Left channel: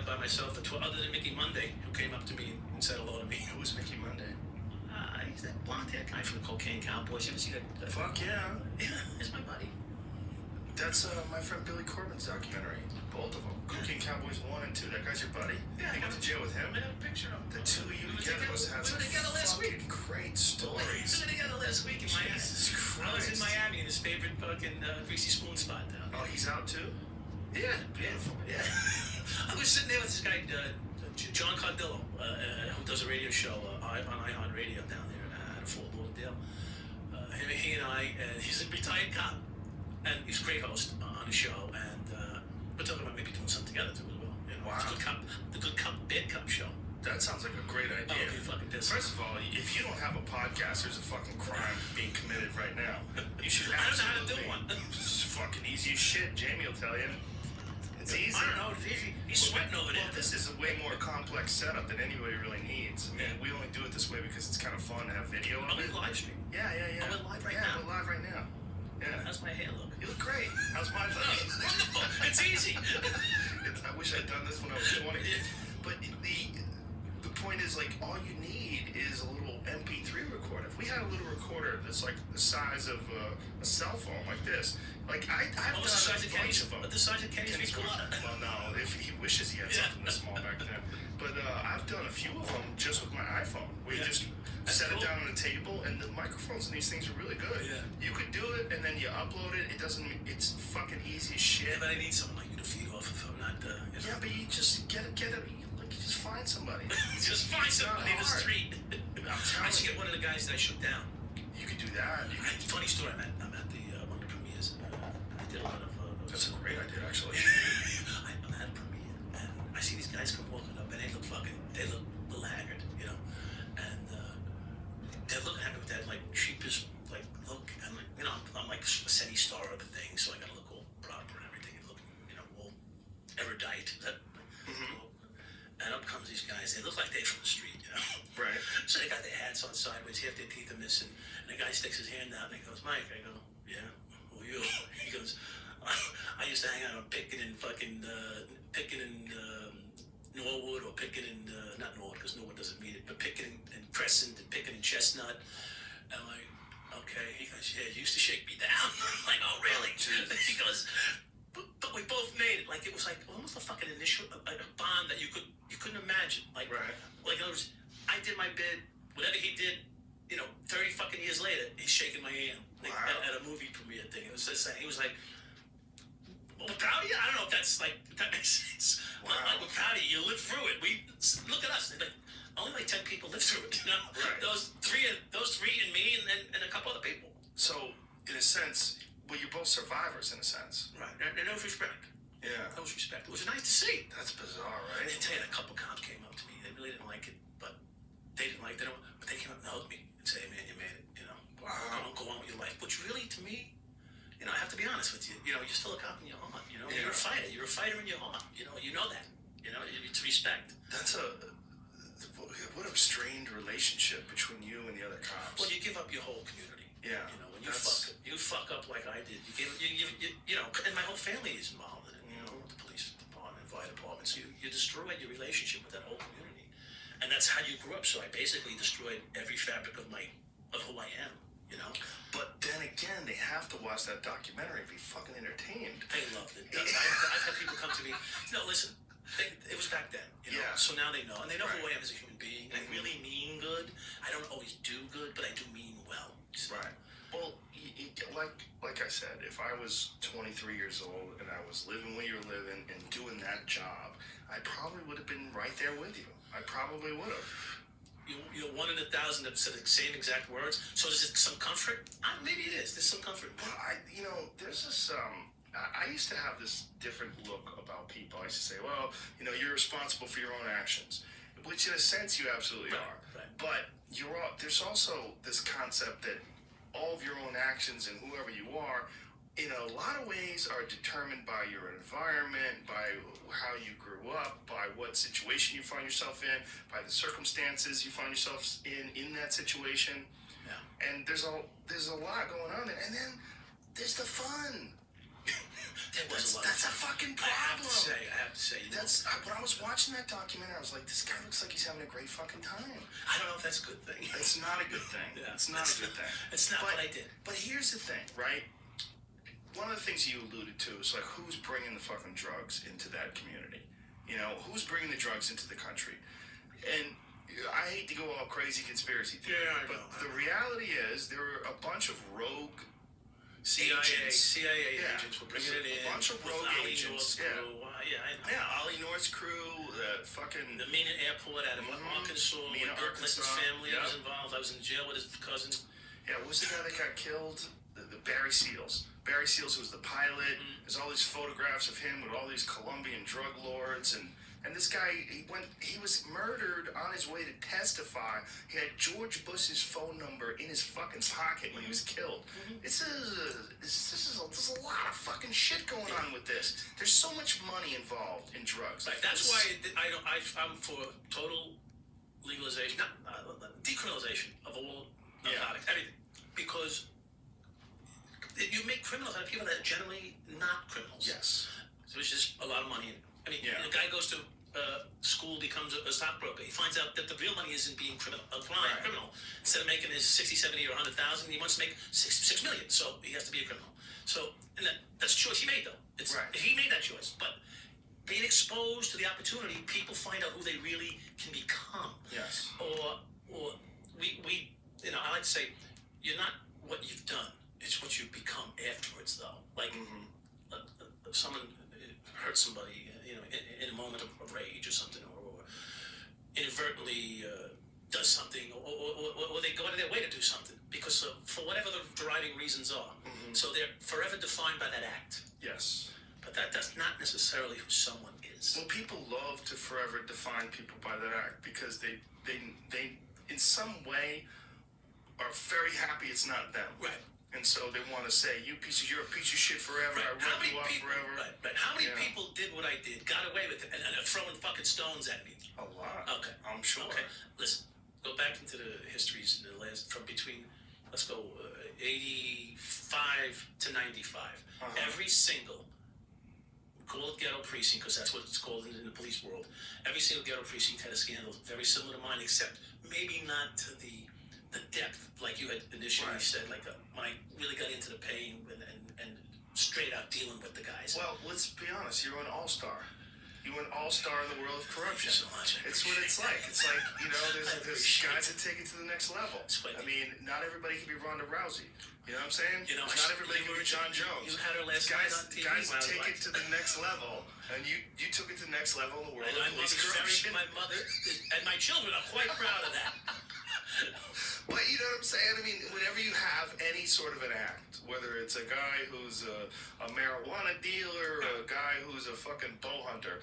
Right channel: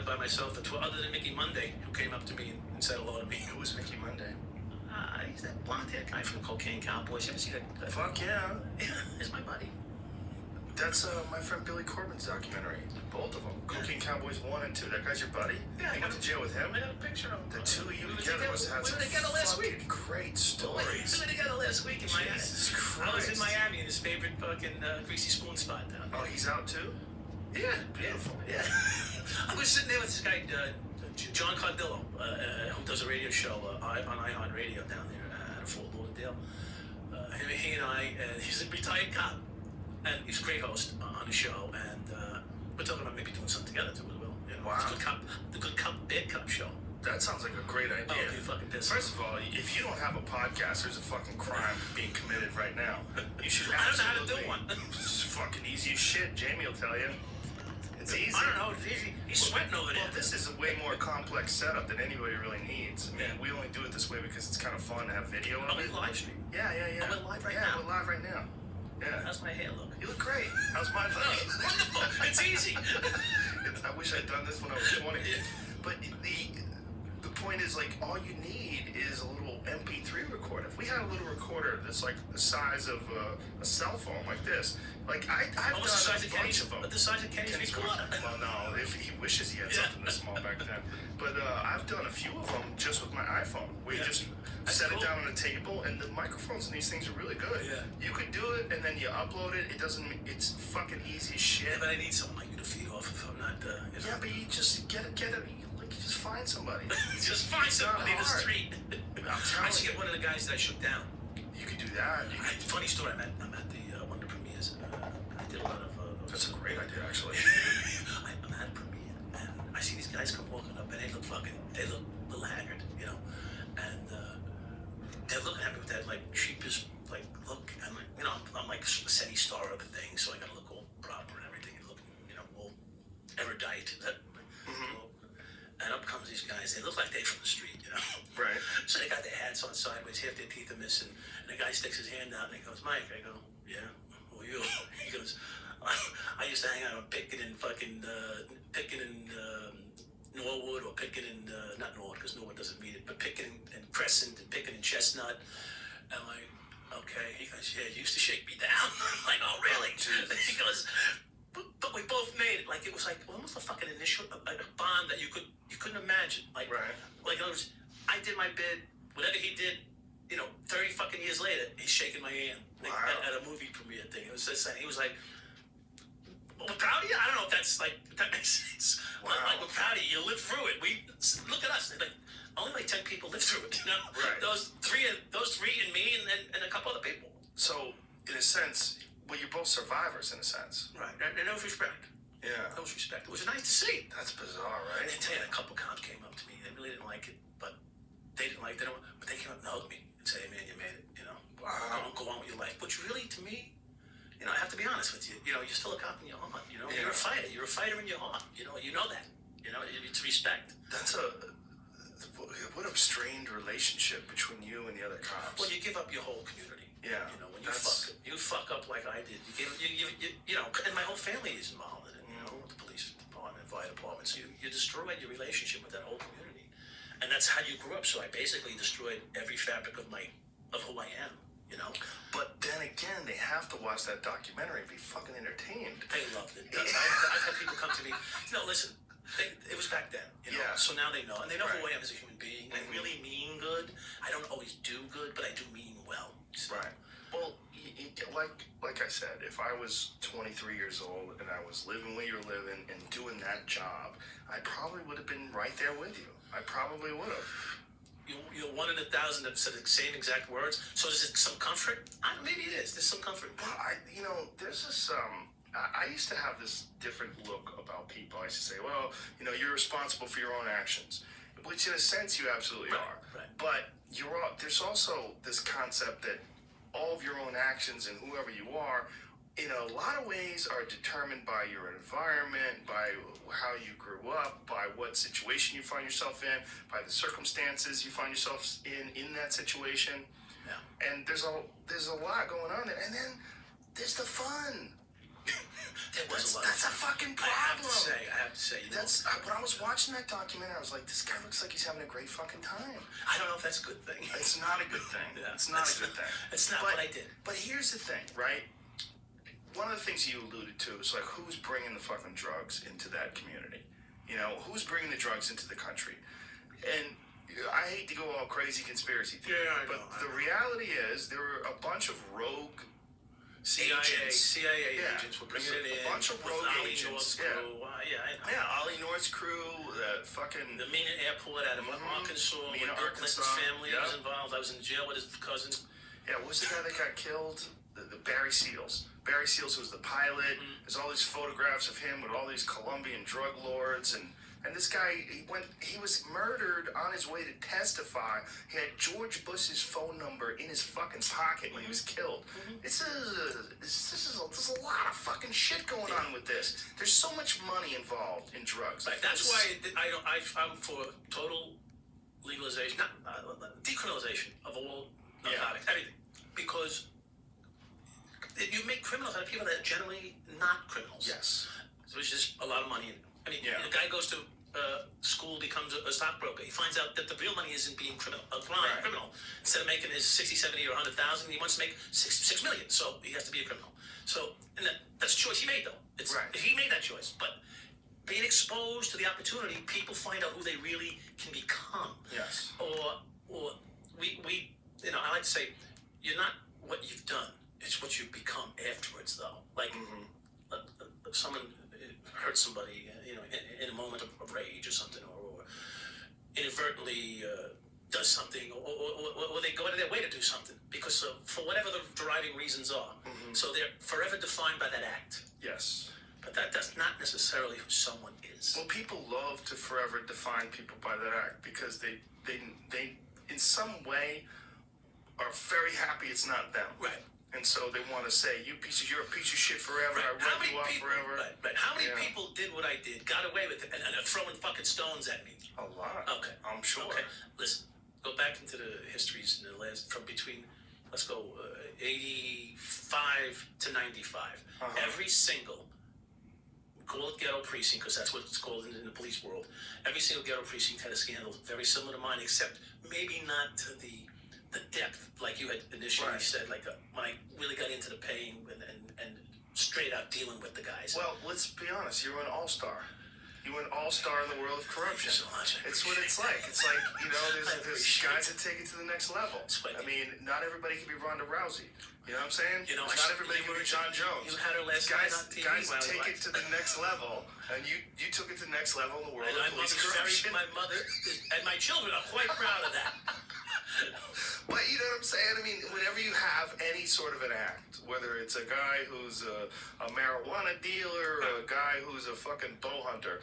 it by myself. Other than Mickey Monday, who came up to me and said hello to me. Who was Mickey Monday? He's that blonde-haired guy from the Cocaine Cowboys. You ever see that? Fuck yeah. Yeah, he's my buddy. That's my friend Billy Corbin's documentary. Both of them. Cocaine Cowboys 1 and 2. That guy's your buddy? Yeah. You went to jail with him? I got a picture of him. The two of you together must have some fucking great stories. We were together last week in Miami. Jesus Christ. I was in Miami in his favorite fucking greasy spoon spot down there. Oh, he's out too? Yeah. I was sitting there with this guy, John Cardillo, who does a radio show on iHeart Radio down there at Fort Lauderdale. He and I, he's a retired cop, and he's a great host on the show, and we're talking about maybe doing something together too as well. You know, wow. The Good Cop, Bad Cop show. That sounds like a great idea. Oh, you're fucking pissed. First of all, if you don't have a podcast, there's a fucking crime being committed right now. You should I don't know how to do one. It's fucking easy as shit. Jamie will tell you. It's easy. I don't know. It's easy. He's sweating over there. Well, this is a way more complex setup than anybody really needs. I mean, we only do it this way because it's kind of fun to have video of we it. live stream? Yeah. Oh, we're live right now? Yeah, we're live right now. Yeah. How's my hair look? You look great. How's my look? Wonderful. It's easy. I wish I'd done this when I was 20. But the point is, like, all you need is a little MP3 recorder. If we had a little recorder that's like the size of a cell phone, like this, like I've done a bunch of them. The size of Kenny's recorder. Well, no, if he wishes he had something this small back then. But I've done a few of them just with my iPhone, where you just set it down on the table, and the microphones in these things are really good. Yeah. You could do it, and then you upload it. It's fucking easy as shit. Yeah, but I need someone like you to feed off if I'm not. Yeah, but you just get it. Like, you just find somebody. Just find somebody in the street. I should you. get one of the guys that I shook down. You could do that. Funny story. I'm at the one of the premieres. I did a lot of those. That's a great idea, actually. I'm at a premiere, and I see these guys come walking up, and they look a little haggard, you know, and they're looking at me with that like sheepish like look. I'm like, you know, I'm like a SETI star of a thing, so I gotta look all proper and everything, and look, you know, all erudite. And up comes these guys. They look like they're from the street, you know. Right. So they got their hats on sideways, half their teeth are missing. And the guy sticks his hand out and he goes, "Mike." I go, "Yeah, who are you?" He goes, I used to hang out on Pickin and Norwood, or Pickin and, not Norwood, because Norwood doesn't mean it, but Pickin and Crescent and Pickin and Chestnut. And I'm like, okay. He goes, "Yeah, you used to shake me down." I'm like, "Oh, really?" He goes, but we both made it. Like, it was like almost a fucking initial a bond that you couldn't imagine. Like, right. Like, in other words, I did my bid. Whatever he did, you know, 30 fucking years later, he's shaking my hand at a movie premiere thing. It was just like, he was like, "Well, we're proud of you." I don't know if that makes sense. Wow. Like, we're proud of you. You lived through it. Look at us. Like, only like 10 people lived through it. You know, right. Those three and me and a couple other people. So, in a sense, well, you're both survivors, in a sense. Right. And there was respect. Yeah. There was respect. It was nice to see. That's bizarre, right? I tell you, a couple cops came up to me. They really didn't like it, but they came up and hugged me and said, "Hey, man, you made it. You know, wow. Go on with your life." Which really, to me, you know, I have to be honest with you. You know, you're still a cop in your heart. You know, yeah. You're a fighter. You're a fighter in your heart. You know that. You know, it's respect. That's what a strained relationship between you and the other cops. Well, you give up your whole community. Yeah. You know, when you fuck up like I did, you know, and my whole family is involved in it. You know, the police department, fire department. So you destroyed your relationship with that whole community, and that's how you grew up. So I basically destroyed every fabric of who I am. You know. But then again, they have to watch that documentary and be fucking entertained. They loved it. I've had people come to me. You know, listen. It was back then, you know. Yeah. So now they know, and they know right. who I am as a human being. I really mean good. I don't always do good, but I do mean well. So. Right. Well, like I said, if I was 23 years old and I was living where you're living and doing that job, I probably would have been right there with you. I probably would have. You're one in 1,000 that said the same exact words. So is it some comfort? Maybe it is. There's some comfort. Well, there's this. I used to have this different look about people. I used to say, well, you know, you're responsible for your own actions, which in a sense you absolutely are. Right. But there's also this concept that all of your own actions and whoever you are, in a lot of ways, are determined by your environment, by how you grew up, by what situation you find yourself in, by the circumstances you find yourself in that situation. Yeah. And there's a lot going on there. And then there's the fun. There was That's a fucking problem. I have to say, That's when I was watching that documentary, I was like, this guy looks like he's having a great fucking time. I don't know if that's a good thing. It's not a good thing. Yeah, It's not a good thing. It's not what I did. But here's the thing, right? One of the things you alluded to is like, who's bringing the fucking drugs into that community? You know, who's bringing the drugs into the country? And I hate to go all crazy conspiracy theory, but the reality is there were a bunch of rogue CIA agents were bringing it in. A bunch of rogue agents. I know. Yeah, Ollie North's crew, fucking... The Mena Airport out of Arkansas, Mena, where Bill Arkansas. Clinton's family was involved. I was in jail with his cousin. Yeah, what was the guy that got killed? The Barry Seals. Barry Seals was the pilot. There's all these photographs of him with all these Colombian drug lords, and this guy, he was murdered on his way to testify. He had George Bush's phone number in his fucking pocket when he was killed. There's a lot of fucking shit going on with this. There's so much money involved in drugs. Right. That's why I'm for total legalization, not decriminalization of all narcotics, everything, because you make criminals out of people that are generally not criminals. Yes. Which is a lot of money. The guy goes to school, becomes a stockbroker. He finds out that the real money isn't being criminal. Instead of making his 60, 70, or 100,000, he wants to make $6 million. So he has to be a criminal. So, and that's a choice he made, though. He made that choice. But being exposed to the opportunity, people find out who they really can become. Yes. Or we I like to say, you're not what you've done. It's what you've become afterwards, though. Like, if someone hurts somebody, in a moment of rage or something, or inadvertently does something, or they go out of their way to do something, because for whatever the driving reasons are. So they're forever defined by that act. Yes. But that's not necessarily who someone is. Well, people love to forever define people by that act because they in some way are very happy it's not them. Right. And so they want to say, you're a piece of shit forever. Right. I run you off forever. Right. How many people did what I did, got away with it, and are throwing fucking stones at me? A lot. Okay. I'm sure. Okay. Listen, go back into the histories in the last, from between, let's go, 85 to 95. Every single, call it ghetto precinct, because that's what it's called in the police world. Every single ghetto precinct had a scandal very similar to mine, except maybe not to the depth, like you had initially said, like when I really got into the pain and straight out dealing with the guys. Well, let's be honest, you're an all-star. You're an all-star in the world of corruption. Thank you so much. It's what it's like. It's like, there's guys that take it to the next level. I mean, not everybody can be Ronda Rousey. You know what I'm saying? Not everybody can be John Jones. You had her last night on TV. Guys take it to the next level, and you took it to the next level in the world of police corruption. My mother and my children are quite proud of that. But you know what I'm saying? I mean, whenever you have any sort of an act, whether it's a guy who's a marijuana dealer or a guy who's a fucking bow hunter,